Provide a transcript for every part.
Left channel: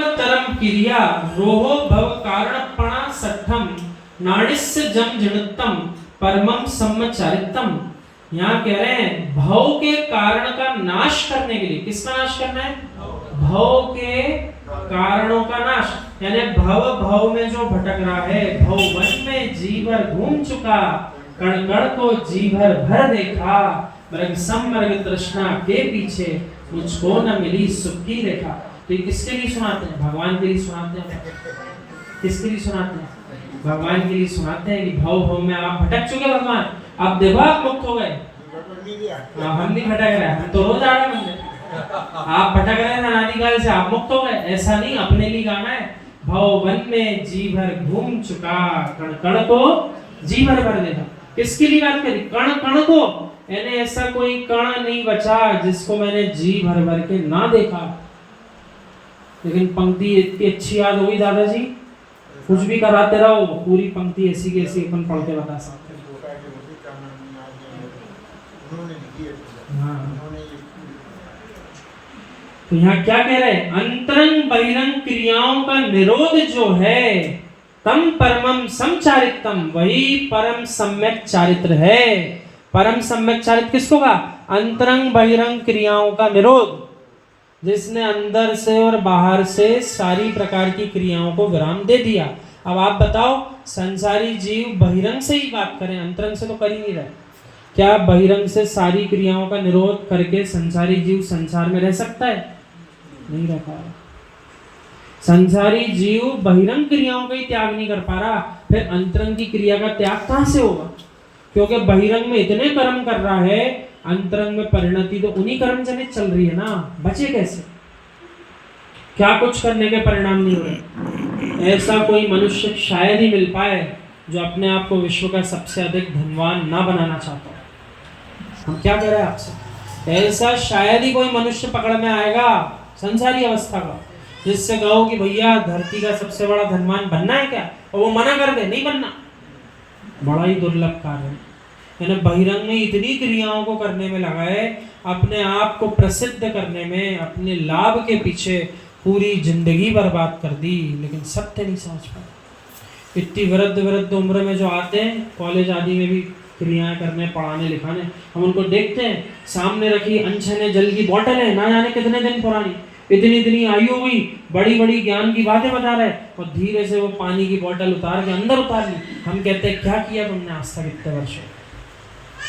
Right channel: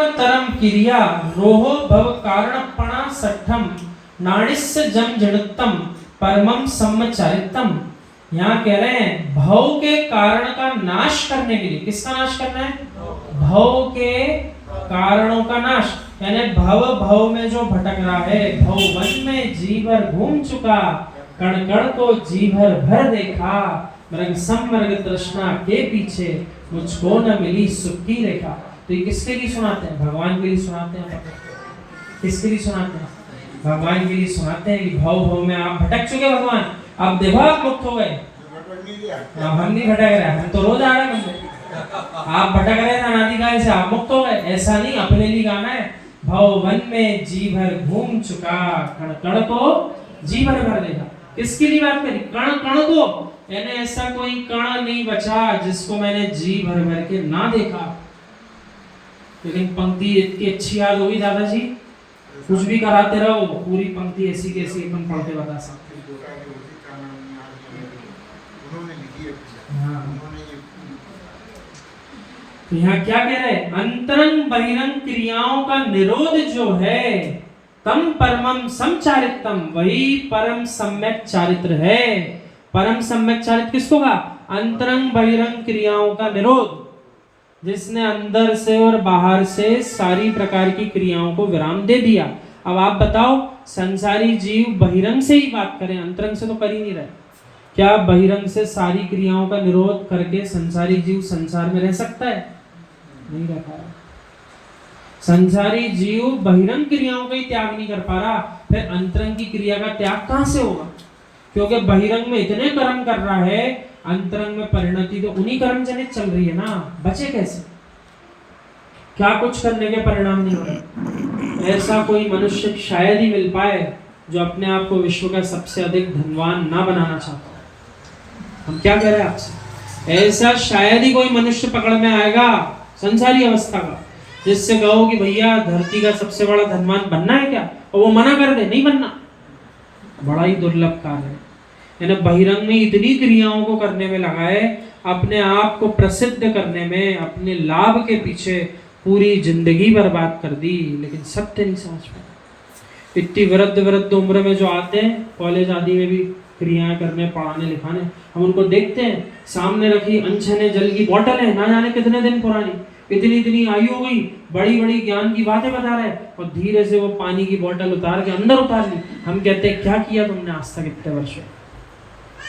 तरम क्रिया रोहो भव कारणपणा सठम नाडिस्य जम जड़तम परमम सम्मचारितम। यहाँ कह रहे हैं भव के कारण का नाश करने के लिए, किसका नाश करना है? भव के कारणों का नाश, यानी भव में जो भटक रहा है, भव वन में जी भर घूम चुका, कण कण को जी भर देखा, मृग समर्ग तृष्णा के पीछे मुझको न मिली सुख की रेखा। तो ये किसके लिए सुनाते हैं? भगवान के लिए सुनाते हैं। किसके लिए सुनाते हैं? भगवान के लिए सुनाते हैं कि भव में आप भटक चुके भगवान, अब देखो आप मुक्त हो गए। हम नहीं भटक रहे, हम तो रोज आ रहे हैं। आप भटक रहे थे अनादिकाल से, आप मुक्त हो गए। ऐसा नहीं, अपने लिए गाना है। भव वन में जी भर घूम चुका, कण कण को जी भर देखा। किसके लिए बात करी? कण कण को, यानी ऐसा कोई कण नहीं बचा जिसको मैंने जी भर के ना देखा। लेकिन पंक्ति इतनी अच्छी याद होगी दादाजी, कुछ भी कराते रहो, पूरी पंक्ति ऐसी की ऐसी अपन पढ़ के बता सकते हैं। तो यहाँ क्या कह रहे हैं? अंतरंग बहिरंग क्रियाओं का निरोध जो है, तम परमम समचारितम, वही परम सम्यक चारित्र है। परम सम्यक चारित्र किसको कहा? अंतरंग बहिरंग क्रियाओं का निरोध, जिसने अंदर से और बाहर से सारी प्रकार की क्रियाओं को विराम दे दिया। अब आप बताओ, संसारी जीव बहिरंग से ही बात करें, अंतरंग से तो कर ही नहीं रहे। क्या बहिरंग से सारी क्रियाओं का निरोध करके संसारी जीव संसार में रह सकता है? नहीं रह पा रहा। संसारी जीव बहिरंग क्रियाओं का ही त्याग नहीं कर पा रहा, फिर अंतरंग की क्रिया का त्याग कहां से होगा? क्योंकि बहिरंग में इतने कर्म कर रहा है, अंतरंग में परिणति तो उन्हीं कर्म जनित चल रही है ना, बचे कैसे? क्या कुछ करने के परिणाम नहीं हो रहे। ऐसा कोई मनुष्य शायद ही मिल पाए जो अपने आप को विश्व का सबसे अधिक धनवान ना बनाना चाहता है। हम क्या कह रहे हैं आपसे? ऐसा शायद ही कोई मनुष्य पकड़ में आएगा संसारी अवस्था का, जिससे कहो कि भैया धरती का सबसे बड़ा धनवान बनना है क्या, और वो मना कर दे नहीं बनना। बड़ा ही दुर्लभ कार्य है। यानी बहिरंग में इतनी क्रियाओं को करने में लगा है, अपने आप को प्रसिद्ध करने में, अपने लाभ के पीछे पूरी जिंदगी बर्बाद कर दी, लेकिन सत्य नहीं समझ पाए। इतनी वृद्ध उम्र में जो आते हैं, कॉलेज आदि में भी क्रियाएं करने, पढ़ाने लिखाने, हम उनको देखते हैं, सामने रखी अनछने जल की बोतल है, ना जाने कितने दिन पुरानी, इतनी आयु हो गई, बड़ी ज्ञान की बातें बता रहे, और धीरे से वो पानी की बोतल उतार के अंदर उतार ली। हम कहते हैं क्या किया तुमने आज तक इतने वर्षों?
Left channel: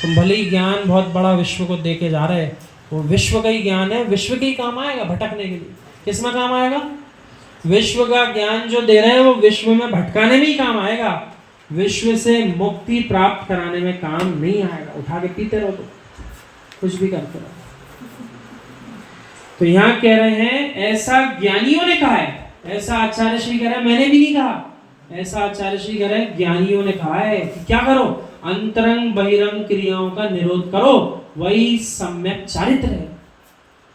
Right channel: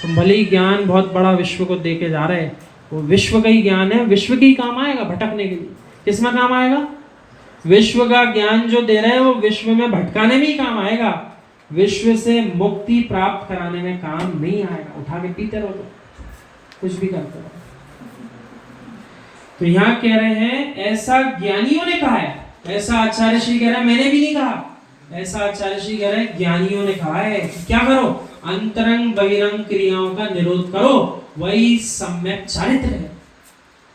तुम भले ही ज्ञान बहुत बड़ा विश्व को दे के जा रहे हैं, वो विश्व का ही ज्ञान है, विश्व की काम आएगा भटकने के लिए। किसमें काम आएगा? विश्व का ज्ञान जो दे रहे हैं वो विश्व में भटकाने में ही काम आएगा, विश्व से मुक्ति प्राप्त कराने में काम नहीं आएगा। उठा के पीते रहो, कुछ भी करते रहो। तो यहाँ कह रहे हैं ऐसा ज्ञानियों ने कहा है, ऐसा आचार्य श्री कह रहे हैं, मैंने भी नहीं कहा, ऐसा आचार्य श्री कह रहे हैं ज्ञानियों ने कहा है कि क्या करो? अंतरंग बहिरंग क्रियाओं का निरोध करो, वही सम्यक चारित्र है।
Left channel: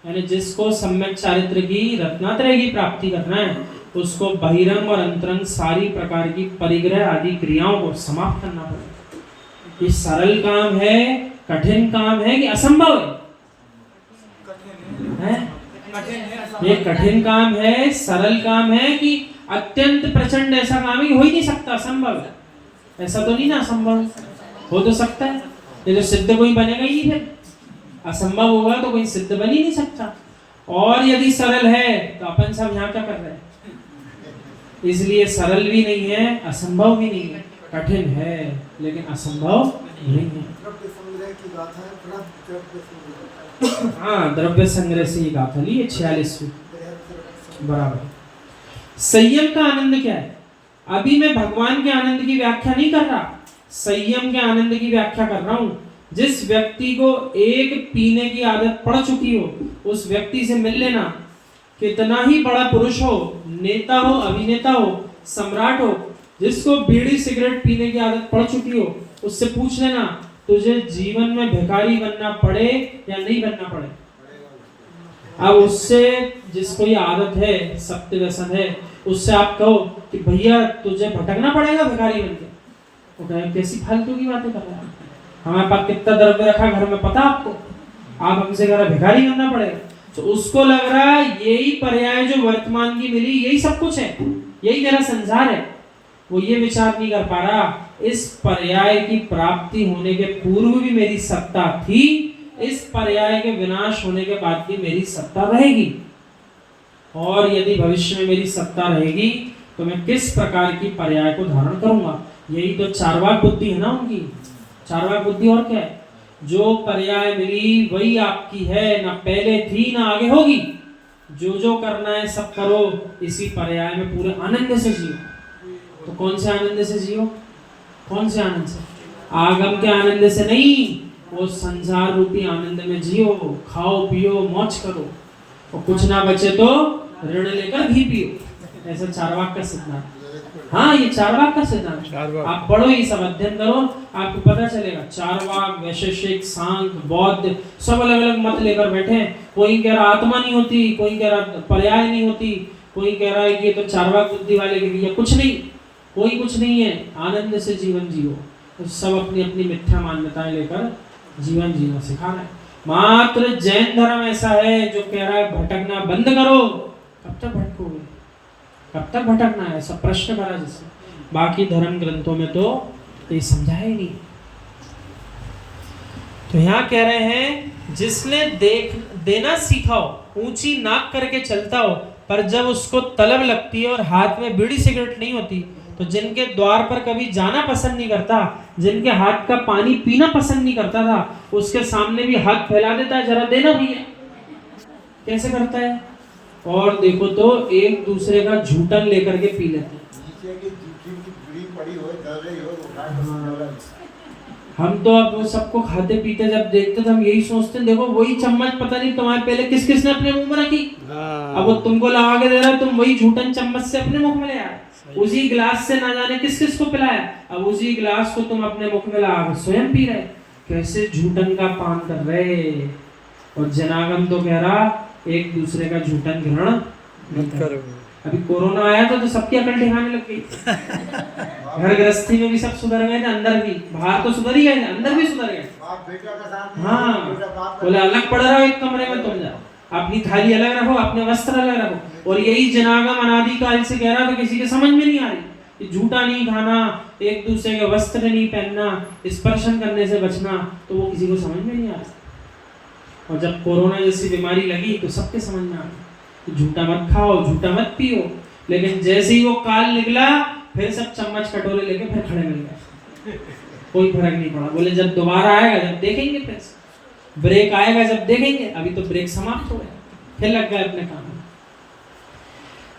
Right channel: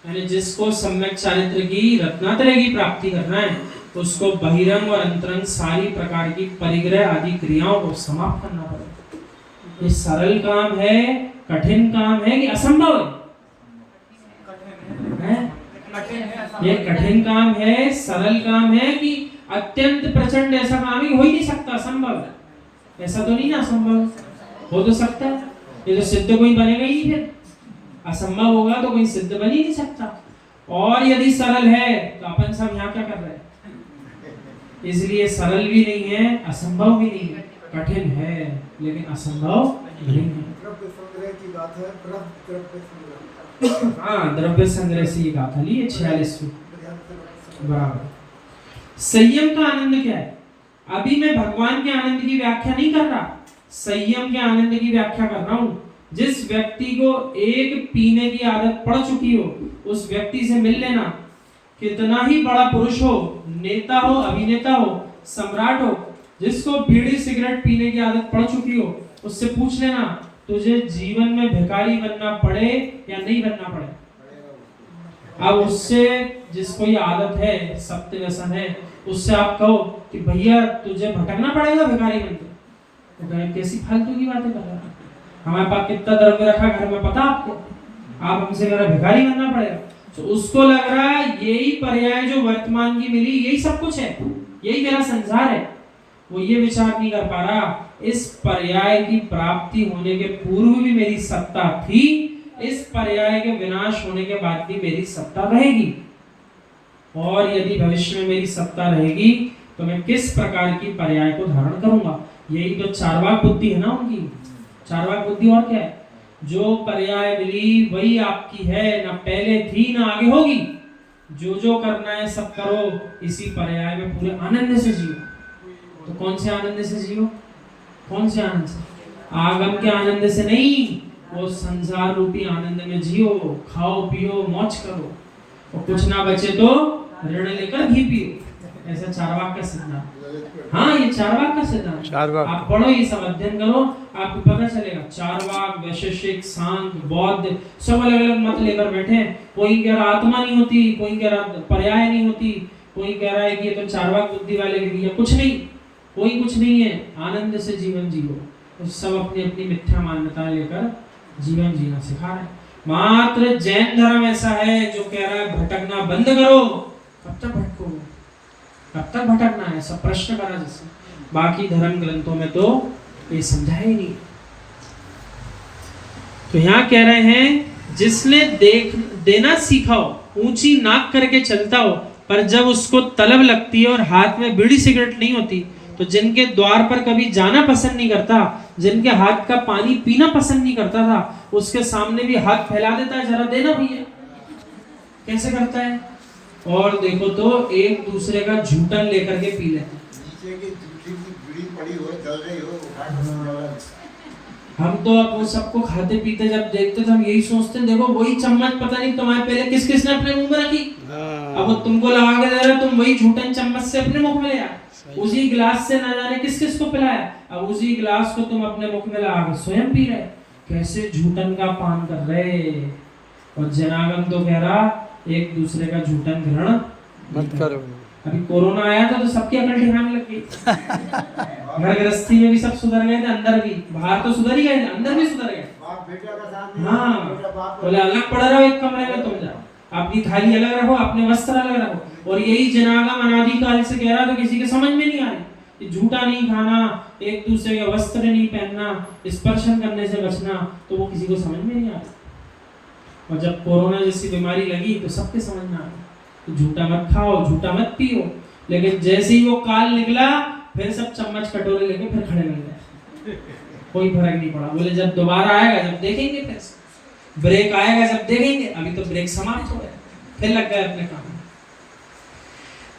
यानी जिसको सम्यक चारित्र की रत्नात्रय की प्राप्ति करना है, उसको बहिरंग और अंतरंग सारी प्रकार की परिग्रह आदि क्रियाओं को समाप्त करना पड़ेगा। ये सरल काम है, कठिन काम है कि असंभव है? ये कठिन काम है, सरल काम है कि अत्यंत प्रचंड? ऐसा काम ही हो ही नहीं सकता, असंभव है। ऐसा तो नहीं ना, असंभव हो तो सकता है, ये तो सिद्ध कोई बनेगा ही नहीं। फिर असंभव होगा तो कोई सिद्ध बन ही नहीं सकता। और यदि सरल है तो अपन सब यहाँ क्या कर रहे हैं? इसलिए सरल भी नहीं है, असंभव भी नहीं है, कठिन है लेकिन असंभव नहीं है। हाँ, द्रव्य संग्रह से गाथा ली 46 बराबर। संयम का आनंद क्या है? अभी मैं भगवान के आनंद की व्याख्या नहीं कर रहा, संयम के आनंद की व्याख्या कर रहा हूँ। जिस व्यक्ति को एक पीने की आदत पड़ चुकी हो, उस व्यक्ति से मिल लेना। कितना ही बड़ा पुरुष हो, नेता हो, अभिनेता हो, सम्राट हो, जिसको बीड़ी सिगरेट पीने की आदत पड़ चुकी हो, उससे पूछ लेना तुझे जीवन में भिखारी बनना पड़े या नहीं बनना पड़े। अब उससे, जिसको ये आदत है, सत्य व्यसन है, उससे आप कहो कि भैया तुझे भटकना पड़ेगा भिखारी बनके, तो कहे कैसी फालतू की बातें कर रहा है, हमारे पास कितना द्रव्य रखा घर में पता आपको, आप हमसे कह रहे भिखारी बनना पड़ेगा। तो उसको लग रहा है यही पर्याय जो वर्तमान की मिली यही सब कुछ है, यही मेरा संसार है। वो ये विचार नहीं कर पा रहा इस पर्याय की प्राप्ति होने के पूर्व भी मेरी सत्ता थी, इस पर्याय के विनाश होने के बाद भी मेरी सत्ता रहेगी, और यदि भविष्य में मेरी सत्ता रहेगी तो मैं किस प्रकार की पर्याय को धारण करूंगा। यही तो चार्वाक बुद्धि है ना उनकी। चार्वाक बुद्धि और क्या है? जो पर्याय मिली वही आपकी है, ना पहले थी ना आगे होगी। जो जो करना है सब करो, इसी पर्याय में पूरे आनंद से जियो। तो कौन से आनंद से जियो? कौन से आनंद से? आगम के आनंद से नहीं, वो संसार रूपी आनंद में जियो। खाओ पियो मौज करो, और कुछ ना बचे तो ऋण लेकर घी पियो। ऐसा चार्वाक का सिद्धांत। हाँ, ये चार्वाक का सिद्धांत। आप पढ़ो, ये सब अध्ययन करो, आपको पता चलेगा। चार्वाक, वैशेषिक, सांख्य, बौद्ध सब अलग अलग मत लेकर बैठे हैं। कोई कह रहा आत्मा नहीं होती, कोई कह रहा पर्याय नहीं होती, कोई कह रहा है कि ये तो चार्वाक बुद्धि वाले के लिए कुछ नहीं, कोई कुछ नहीं है, आनंद से जीवन जियो। तो सब अपनी अपनी मिथ्या मान्यताएं लेकर जीवन जीना सिखा रहे हैं। मात्र जैन धर्म ऐसा है जो कह रहा है भटकना बंद करो। कब तक भटकोगे? कब तक भटकना है? सब प्रश्न करा जिससे। बाकी धर्म ग्रंथों में तो ये समझाया ही नहीं। तो यहाँ कह रहे हैं जिसने देना सीखा हो, ऊंची नाक करके चलता हो, पर जब उसको तलब लगती है और हाथ में बीड़ी सिगरेट नहीं होती, तो जिनके द्वार पर कभी जाना पसंद नहीं करता, जिनके हाथ का पानी पीना पसंद नहीं करता था, उसके सामने भी हाथ फैला देता है, जरा देना भैया। कैसे करता है? और देखो तो एक दूसरे का झूठन लेकर के पी लेते। हम तो अब सबको खाते पीते जब देखते थे, हम यही सोचते हैं देखो वही चम्मच पता नहीं तुम्हारे पहले किस किस ने अपने मुंह में रखी, अब वो तुमको लगा के दे रहा, तुम वही झूठन चम्मच से अपने मुख में ले आए। उसी गिलास से ना जाने किस किस को पिलाया, अब उसी गिलास को तुम अपने मुख में लगा के स्वयं पी रहे। कैसे झूठन का पान कर रहे। और जनागम तो कह रहा एक दूसरे का झूठन ग्रहण मत करो। अभी कोरोना आया था तो सबकी अकल ठिकाने लग गई। घर गृहस्थी में भी सब सुधर गए थे, अंदर भी, बाहर तो सुधर ही गए थे, अंदर भी सुधर गए। हाँ, बोले अलग पड़ रहा है एक कमरे में, तुम जाओ, अपनी थाली अलग रखो, अपने वस्त्र अलग रखो। और यही जनागम अनादिकाल से कह रहा, तो किसी के समझ में नहीं आ रही। झूठा नहीं खाना, एक दूसरे के वस्त्र नहीं पहनना, स्पर्शन करने से बचना, तो वो किसी को समझ में नहीं आ रहा। और जब कोरोना जैसी बीमारी लगी तो सबके समझ में आ गई, तो झूठा मत खाओ, झूठा मत पियो। लेकिन जैसे ही वो काल निकला, फिर सब चम्मच कटोरे लेके फिर खड़े मिल गए, कोई फर्क नहीं पड़ा। बोले जब दोबारा आएगा जब देखेंगे, फिर ब्रेक आएगा जब देखेंगे। अभी तो ब्रेक समाप्त हो गया, फिर लग गए अपने काम में।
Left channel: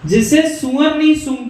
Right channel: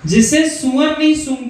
जिसे सुअर नहीं सूंघता